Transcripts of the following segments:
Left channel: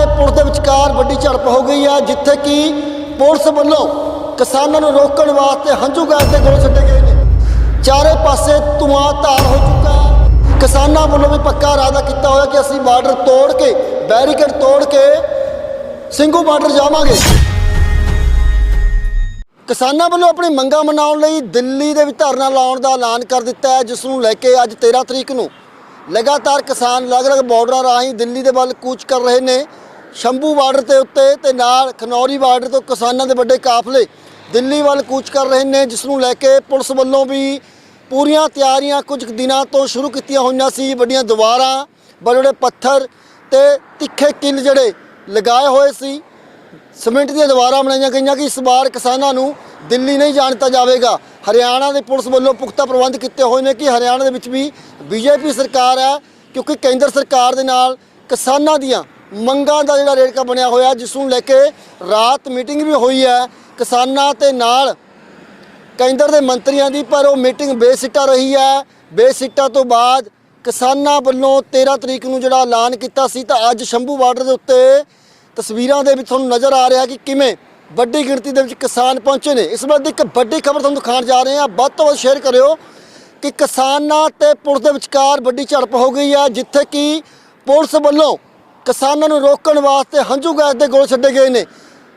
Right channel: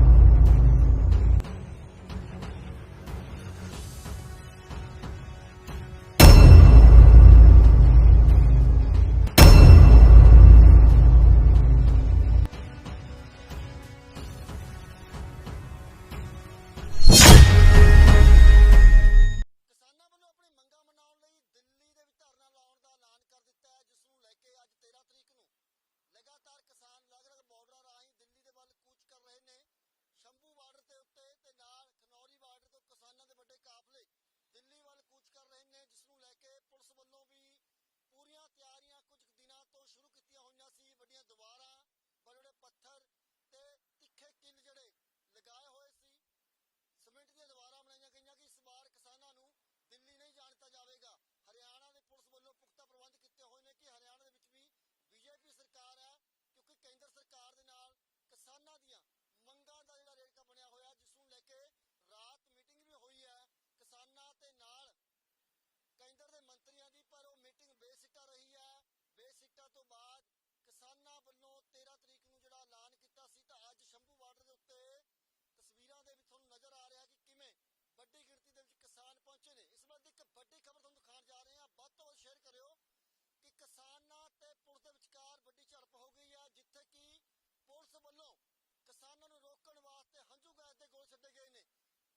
ਤੇ ਪੁਲਿਸ ਦੇ ਵਿਚਕਾਰ ਵੱਡੀ ਝੜਪ ਹੋ ਗਈ ਹੈ, ਜਿੱਥੇ ਕਿ ਪੁਲਿਸ ਵੱਲੋਂ ਕਿਸਾਨਾਂ ਨੂੰ ਰੋਕਣ ਵਾਸਤੇ ਹੰਝੂ ਗੈਸ ਦੇ ਗੋਲੇ ਛੱਡੇ ਗਏ ਨੇ। ਚਾਰੇ ਪਾਸੇ ਧੂਆਂ ਧਾਰ ਹੋ ਚੁੱਕਾ ਹੈ। ਕਿਸਾਨਾਂ ਵੱਲੋਂ ਵੀ ਪੱਕਾ ਇਰਾਦਾ ਕੀਤਾ ਹੋਇਆ ਕਿ ਅਸੀਂ ਬਾਰਡਰ ਤੋੜ ਕੇ, ਬੈਰੀਕੇਡ ਤੋੜ ਕੇ ਸਿੰਘੂ ਬਾਰਡਰ ਜਾਵਾਂਗੇ। ਕਿਸਾਨਾਂ ਵੱਲੋਂ ਆਪਣੀ ਮੰਗਾਂ ਮਨਾਉਣ ਲਈ ਦਿੱਲੀ ਦੇ ਵਿੱਚ ਧਰਨਾ ਲਾਉਣ ਦਾ ਐਲਾਨ ਕਰ ਦਿੱਤਾ ਹੈ, ਜਿਸ ਨੂੰ ਲੈ ਕੇ ਅੱਜ 13 ਤਰੀਕ ਨੂੰ ਲਗਾਤਾਰ ਕਿਸਾਨ ਅਲੱਗ-ਅਲੱਗ ਬਾਰਡਰਾਂ ਰਾਹੀਂ ਦਿੱਲੀ ਦੇ ਵੱਲ ਕੂਚ ਕਰ ਰਹੇ ਨੇ। ਸ਼ੰਭੂ ਬਾਰਡਰ ਦੇ ਉੱਤੇ ਤੇ ਨਾਲ ਖਨੌਰੀ ਬਾਰਡਰ ਤੋਂ ਕਿਸਾਨਾਂ ਦੇ ਵੱਡੇ ਕਾਫਲੇ ਦਿੱਲੀ ਵੱਲ ਕੂਚ ਕਰ ਰਹੇ ਨੇ ਜਿਸ ਨੂੰ ਲੈ ਕੇ ਪੁਲਿਸ ਵੱਲੋਂ ਵੀ ਪੂਰੀਆਂ ਤਿਆਰੀਆਂ ਕੁਝ ਦਿਨਾਂ ਤੋਂ ਸ਼ੁਰੂ ਕੀਤੀਆਂ ਹੋਈਆਂ ਸੀ। ਵੱਡੀਆਂ ਦੀਵਾਰਾਂ ਬੜੇ ਪੱਥਰ ਤੇ ਤਿੱਖੇ ਕਿੱਲ ਜਿਹੜੇ ਲਗਾਏ ਹੋਏ ਸੀ। ਸਿਮੈਂਟ ਦੀਆਂ ਦੀਵਾਰਾਂ ਬਣਾਈਆਂ ਗਈਆਂ ਕਿ ਇਸ ਵਾਰ ਕਿਸਾਨਾਂ ਨੂੰ ਦਿੱਲੀ ਨਹੀਂ ਜਾਣ ਦਿੱਤਾ ਜਾਵੇਗਾ। ਹਰਿਆਣਾ ਦੇ ਪੁਲਿਸ ਵੱਲੋਂ ਪੁਖਤਾ ਪ੍ਰਬੰਧ ਕੀਤੇ ਹੋਏ ਨੇ ਕਿ ਹਰਿਆਣਾ ਦੇ ਵਿੱਚ ਵੀ ਬੀਜੇਪੀ ਸਰਕਾਰ ਹੈ ਕਿਉਂਕਿ ਕੇਂਦਰ ਸਰਕਾਰ ਦੇ ਨਾਲ ਕਿਸਾਨਾਂ ਦੀਆਂ ਮੰਗਾਂ ਦਾ ਜਿਹੜਾ ਰੇੜਕਾ ਬਣਿਆ ਹੋਇਆ, ਜਿਸ ਨੂੰ ਲੈ ਕੇ ਰਾਤ ਮੀਟਿੰਗ ਵੀ ਹੋਈ ਹੈ ਕਿਸਾਨਾਂ ਤੇ ਨਾਲ ਕੇਂਦਰ ਦੇ ਮੰਤਰੀਆਂ ਦੀ, ਪਰ ਉਹ ਮੀਟਿੰਗ ਬੇਸਿੱਟਾ ਰਹੀ ਹੈ। ਬੇਸਿੱਟਾ ਤੋਂ ਬਾਅਦ ਕਿਸਾਨਾਂ ਵੱਲੋਂ 13 ਤਰੀਕ ਨੂੰ ਜਿਹੜਾ ਐਲਾਨ ਕੀਤਾ ਸੀ, ਤਾਂ ਅੱਜ ਸ਼ੰਭੂ ਬਾਰਡਰ ਦੇ ਉੱਤੇ ਤਸਵੀਰਾਂ ਦੇ ਵਿੱਚ ਤੁਹਾਨੂੰ ਨਜ਼ਰ ਆ ਰਿਹਾ ਕਿ ਕਿਵੇਂ ਵੱਡੀ ਗਿਣਤੀ ਦੇ ਵਿੱਚ ਕਿਸਾਨ ਪਹੁੰਚੇ ਨੇ। ਇਸ ਬਾਰੇ ਇੱਕ ਵੱਡੀ ਖਬਰ ਤੁਹਾਨੂੰ ਦਿਖਾਉਣ ਜਾ ਰਹੇ ਹਾਂ। ਵੱਧ ਤੋਂ ਵੱਧ ਸ਼ੇਅਰ ਕਰਿਓ ਕਿ ਕਿਸਾਨਾਂ ਤੇ ਪੁਲਿਸ ਦੇ ਵਿਚਕਾਰ ਵੱਡੀ ਝੜਪ ਹੋ ਗਈ ਹੈ, ਜਿੱਥੇ ਕਿ ਪੁਲਿਸ ਵੱਲੋਂ ਕਿਸਾਨਾਂ ਨੂੰ ਰੋਕਣ ਵਾਸਤੇ ਹੰਝੂ ਗੈਸ ਦੇ ਗੋਲ ਛੱਡੇ ਗਏ ਨੇ।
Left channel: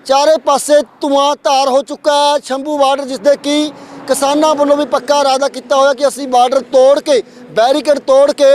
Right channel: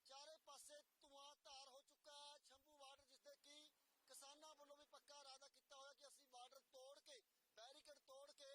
ਚਾਰੇ ਪਾਸੇ ਧੂਆਂ ਧਾਰ ਹੋ ਚੁੱਕਾ ਹੈ। ਸ਼ੰਭੂ ਬਾਰਡਰ ਜਿਸ ਦੇ ਕਿ ਕਿਸਾਨਾਂ ਵੱਲੋਂ ਵੀ ਪੱਕਾ ਇਰਾਦਾ ਕੀਤਾ ਹੋਇਆ ਕਿ ਅਸੀਂ ਬਾਰਡਰ ਤੋੜ ਕੇ, ਬੈਰੀਕੇਡ ਤੋੜ ਕੇ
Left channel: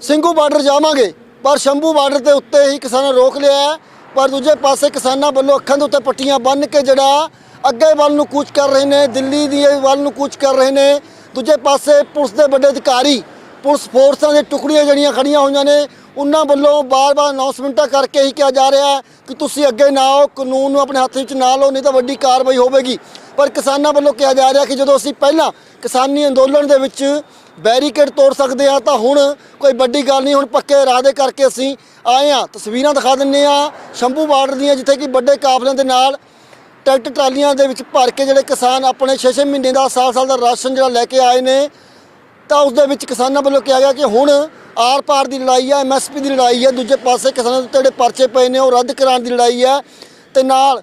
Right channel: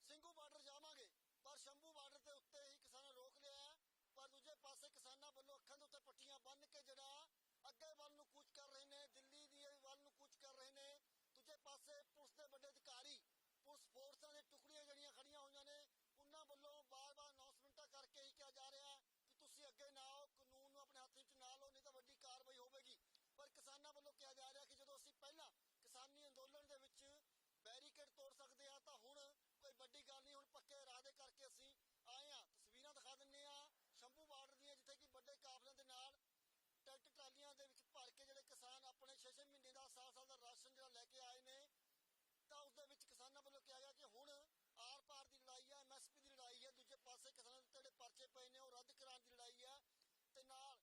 ਸਿੰਘੂ ਬਾਰਡਰ ਜਾਵਾਂਗੇ। ਪਰ ਸ਼ੰਭੂ ਬਾਰਡਰ ਦੇ ਉੱਤੇ ਹੀ ਕਿਸਾਨਾਂ ਨੇ ਰੋਕ ਲਿਆ ਪਰ ਦੂਜੇ ਪਾਸੇ ਕਿਸਾਨਾਂ ਵੱਲੋਂ ਅੱਖਾਂ ਦੇ ਉੱਤੇ ਪੱਟੀਆਂ ਬੰਨ੍ਹ ਕੇ ਜਿਹੜਾ ਅੱਗੇ ਵੱਲ ਨੂੰ ਕੂਚ ਕਰ ਰਹੇ ਨੇ, ਦਿੱਲੀ ਦੀ ਵੱਲ ਨੂੰ ਕੂਚ ਕਰ ਰਹੇ ਨੇ। ਦੂਜੇ ਪਾਸੇ ਪੁਲਿਸ ਦੇ ਵੱਡੇ ਅਧਿਕਾਰੀ ਪੁਲਿਸ ਫੋਰਸਾਂ ਦੇ ਟੁਕੜੀਆਂ ਜਿਹੜੀਆਂ ਖੜੀਆਂ ਹੋਈਆਂ ਨੇ, ਉਹਨਾਂ ਵੱਲੋਂ ਬਾਰ-ਬਾਰ ਅਨਾਉਂਸਮੈਂਟਾਂ ਕਰਕੇ ਹੀ ਕਿਹਾ ਜਾ ਰਿਹਾ ਹੈ ਕਿ ਤੁਸੀਂ ਅੱਗੇ ਨਾ ਆਓ, ਕਾਨੂੰਨ ਨੂੰ ਆਪਣੇ ਹੱਥ ਵਿੱਚ ਨਾ ਲਓ, ਨਹੀਂ ਤਾਂ ਵੱਡੀ ਕਾਰਵਾਈ ਹੋਵੇਗੀ। ਪਰ ਕਿਸਾਨਾਂ ਵੱਲੋਂ ਕਿਹਾ ਜਾ ਰਿਹਾ ਕਿ ਜਦੋਂ ਅਸੀਂ ਪਹਿਲਾਂ ਕਿਸਾਨੀ ਅੰਦੋਲਨ ਦੇ ਵਿੱਚ ਬੈਰੀਕੇਡ ਤੋੜ ਸਕਦੇ ਆ ਤਾਂ ਹੁਣ ਕੋਈ ਵੱਡੀ ਗੱਲ ਨਹੀਂ, ਹੁਣ ਪੱਕੇ ਇਰਾਦੇ ਕਰਕੇ ਅਸੀਂ ਆਏ ਆ ਤਸਵੀਰਾਂ ਦਿਖਾ ਦਿੰਨੇ ਆ ਸ਼ੰਭੂ ਬਾਰਡਰ ਦੀਆਂ, ਜਿੱਥੇ ਕਿ ਵੱਡੇ ਕਾਫਲਿਆਂ ਦੇ ਨਾਲ ਟਰੈਕਟਰ ਟਰਾਲੀਆਂ ਦੇ ਵਿੱਚ ਭਰ ਕੇ ਜਿਹੜੇ ਕਿਸਾਨ ਆਪਣੇ 6-6 ਮਹੀਨੇ ਦਾ ਸਾਲ-ਸਾਲ ਦਾ ਰਾਸ਼ਨ ਜਿਹੜਾ ਲੈ ਕੇ ਆਏ ਨੇ ਤਾਂ ਉਸ ਦੇ ਵਿੱਚ ਕਿਸਾਨਾਂ ਵੱਲੋਂ ਕਿਹਾ ਗਿਆ ਕਿ ਹੁਣ ਆਰ-ਪਾਰ ਦੀ ਲੜਾਈ ਹੈ ਐਮਐਸਪੀ ਦੀ ਲੜਾਈ ਹੈ ਦੂਜੇ ਪਾਸੇ ਕਿਸਾਨਾਂ ਦੇ ਉੱਤੇ ਜਿਹੜੇ ਪਰਚੇ ਪਏ ਨੇ ਉਹ ਰੱਦ ਕਰਾਉਣ ਦੀ ਲੜਾਈ ਹੈ ਤੇ ਨਾਲ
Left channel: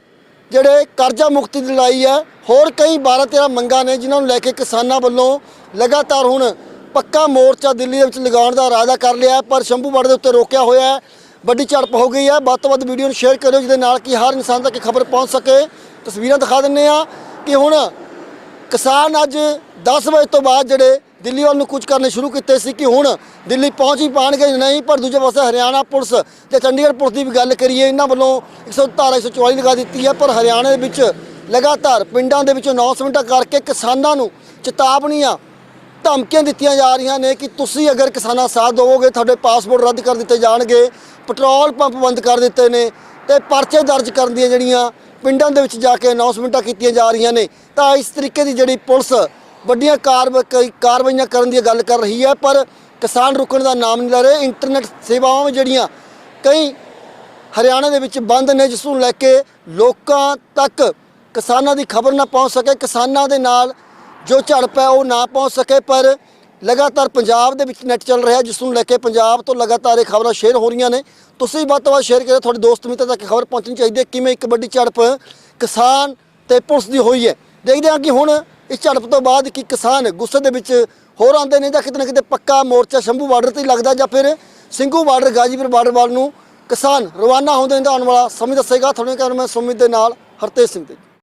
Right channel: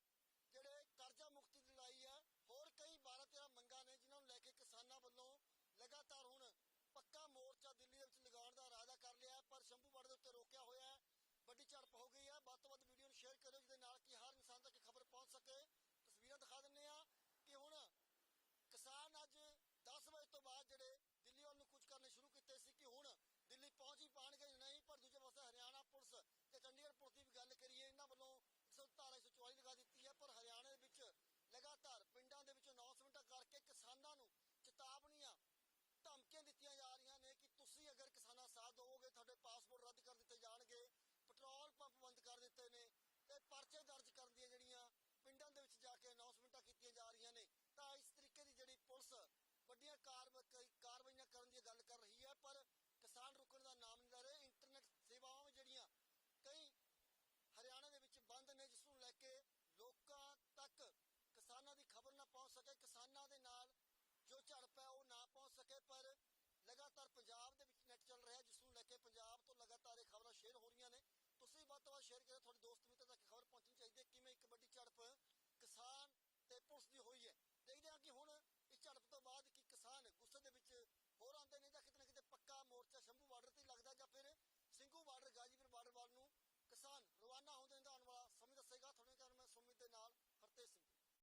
ਜਿਹੜੇ ਕਰਜ਼ਾ ਮੁਕਤੀ ਦੀ ਲੜਾਈ ਹੈ ਹੋਰ ਕਈ 12-13 ਮੰਗਾਂ ਨੇ ਜਿਨ੍ਹਾਂ ਨੂੰ ਲੈ ਕੇ ਕਿਸਾਨਾਂ ਵੱਲੋਂ ਲਗਾਤਾਰ ਹੁਣ ਪੱਕਾ ਮੋਰਚਾ ਦਿੱਲੀ ਦੇ ਵਿੱਚ ਲਗਾਉਣ ਦਾ ਇਰਾਦਾ ਕਰ ਲਿਆ ਪਰ ਸ਼ੰਭੂ ਬਾਰਡਰ ਦੇ ਉੱਤੇ ਰੋਕਿਆ ਹੋਇਆ ਹੈ, ਵੱਡੀ ਝੜਪ ਹੋ ਗਈ ਹੈ। ਵੱਧ ਤੋਂ ਵੱਧ ਵੀਡੀਓ ਨੂੰ ਸ਼ੇਅਰ ਕਰਿਓ ਜਿਹਦੇ ਨਾਲ ਕਿ ਹਰ ਇਨਸਾਨ ਤੱਕ ਖਬਰ ਪਹੁੰਚ ਸਕੇ। ਤਸਵੀਰਾਂ ਦਿਖਾ ਦਿੰਨੇ ਆ ਕਿ ਹੁਣ ਕਿਸਾਨ ਅੱਜ 10 ਵਜੇ ਤੋਂ ਬਾਅਦ ਜਿਹੜੇ ਦਿੱਲੀ ਵੱਲ ਨੂੰ ਕੁਝ ਕਰਨੇ ਸ਼ੁਰੂ ਕੀਤੇ ਸੀ ਕਿ ਹੁਣ ਦਿੱਲੀ ਪਹੁੰਚ ਹੀ ਪਾਣਗੇ ਨਹੀਂ, ਪਰ ਦੂਜੇ ਪਾਸੇ ਹਰਿਆਣਾ ਪੁਲਿਸ ਤੇ ਚੰਡੀਗੜ੍ਹ ਪੁਲਿਸ ਦੀ ਵੀ ਗੱਲ ਕਰੀਏ, ਇਹਨਾਂ ਵੱਲੋਂ 117 144 ਲਗਾ ਦਿੱਤੀ ਹੈ, ਪਰ ਹਰਿਆਣਾ ਦੇ ਵਿੱਚ ਲਗਾਤਾਰ ਪਿੰਡਾਂ ਦੇ ਵਿੱਚ ਅਨਾਉਂਸਮੈਂਟਾਂ ਕਰਕੇ ਕਿਸਾਨਾਂ ਨੂੰ ਚੇਤਾਵਨੀਆਂ ਧਮਕੀਆਂ ਦਿੱਤੀਆਂ ਜਾ ਰਹੀਆਂ ਨੇ ਕਿ ਤੁਸੀਂ ਅਗਰ ਕਿਸਾਨਾਂ ਸਾਥ ਦਿਓਗੇ ਤੁਹਾਡੇ ਪਾਸਪੋਰਟ ਰੱਦ ਕਰ ਦਿੱਤੇ ਜਾਣਗੇ, ਪੈਟਰੋਲ ਪੰਪ ਬੰਦ ਕਰ ਦਿੱਤੇ ਨੇ ਤੇ ਪਰਚੇ ਦਰਜ ਕਰਨ ਦੀਆਂ ਜਿਹੜੀਆਂ ਪਿੰਡਾਂ ਦੇ ਵਿੱਚ ਜਾ ਕੇ ਅਨਾਉਂਸਮੈਂਟਾਂ ਕੀਤੀਆਂ ਜਾ ਰਹੀਆਂ ਨੇ। ਤਾਂ ਇਸ ਤਰੀਕੇ ਦੀ ਜਿਹੜੀ ਪੁਲਿਸ ਵੱਡੀਆਂ ਕਾਰਵਾਈ ਕਾਰਵਾਈਆਂ ਕਰਨ ਦੀ ਗੱਲ ਕਰ ਰਹੀ ਹੈ, ਪਰ ਕਿਸਾਨ ਰੁਕਣ ਦਾ ਨਾਮ ਨਹੀਂ ਲੈ ਰਹੇ। ਇੰਟਰਨੈਟ ਸੇਵਾਵਾਂ ਵੀ ਜਿਹੜੀਆਂ ਕਈ ਹਰਿਆਣਾ ਦੇ ਵਿੱਚ ਬੰਦ ਨੇ, ਜਿਸ ਨੂੰ ਲੈ ਕੇ ਲੋਕਾਂ ਤੱਕ ਕਿਸਾਨਾਂ ਦੀ ਖਬਰ ਨਾ ਪਹੁੰਚ ਸਕੇ। ਕਿਸਾਨਾਂ ਦੇ ਨਾਲ ਜੋ ਝੜਪ ਹੈ ਉਹ ਨਾ ਪਹੁੰਚ ਸਕੇ, ਪਰ ਲਗਾਤਾਰ ਪੰਜਾਬ ਦੇ ਵਿੱਚ ਨੈਟ ਚੱਲ ਰਿਹਾ, ਜਿਸ ਨੂੰ ਲੈ ਕੇ ਪੰਜਾਬ ਤੋਂ ਲਗਾਤਾਰ ਇਹ ਖਬਰਾਂ ਸ਼ੇਅਰ ਹੋ ਰਹੀਆਂ ਨੇ। ਤੁਸੀਂ ਵੱਧ ਤੋਂ ਵੱਧ ਸ਼ੇਅਰ ਕਰਿਓ, ਤੁਹਾਡੇ ਦੋਸਤ ਮਿੱਤਰ ਤੱਕ ਖਬਰ ਪਹੁੰਚਣੀ ਚਾਹੀਦੀ ਹੈ, ਕਿਵੇਂ ਇੱਕ ਵੱਡੀ ਝੜਪ ਕਿਸਾਨ ਤੇ ਪੁਲਿਸ ਦੀ ਹੋਈ ਹੈ। ਦੇਖਦੇ ਹਾਂ ਕਿ ਹੁਣ ਇਸ ਝੜਪ ਤੋਂ ਬਾਅਦ ਕਿ ਕਿਸਾਨ ਗੁੱਸੇ ਦੇ ਵਿੱਚ ਹੋਰ ਆਉਂਦੇ ਨੇ ਜਾਂ ਕਿਤੇ ਨਾ ਕਿਤੇ ਪੱਕਾ ਮੋਰਚਾ ਸ਼ੰਭੂ ਬਾਰਡਰ ਤੇ ਲੱਗਦਾ ਜਾਂ ਫਿਰ ਸਿੰਘੂ ਬਾਰਡਰ, ਗਾਜੀਪੁਰ ਬਾਰਡਰ ਵੱਲ ਨੂੰ ਕਿਸਾਨ ਰਵਾਨਾ ਹੁੰਦੇ ਨੇ, ਤਾਂ ਆਉਣ ਵਾਲਾ ਸਮੇਂ ਦੱਸੇਗਾ। ਤੁਹਾਡੇ ਕਾਰਨ ਮੈਂ ਸੁਮਿਤ ਦੇ ਨਾਲ ਹਰਤੇਜ ਸਿੰਘ ਤੇ।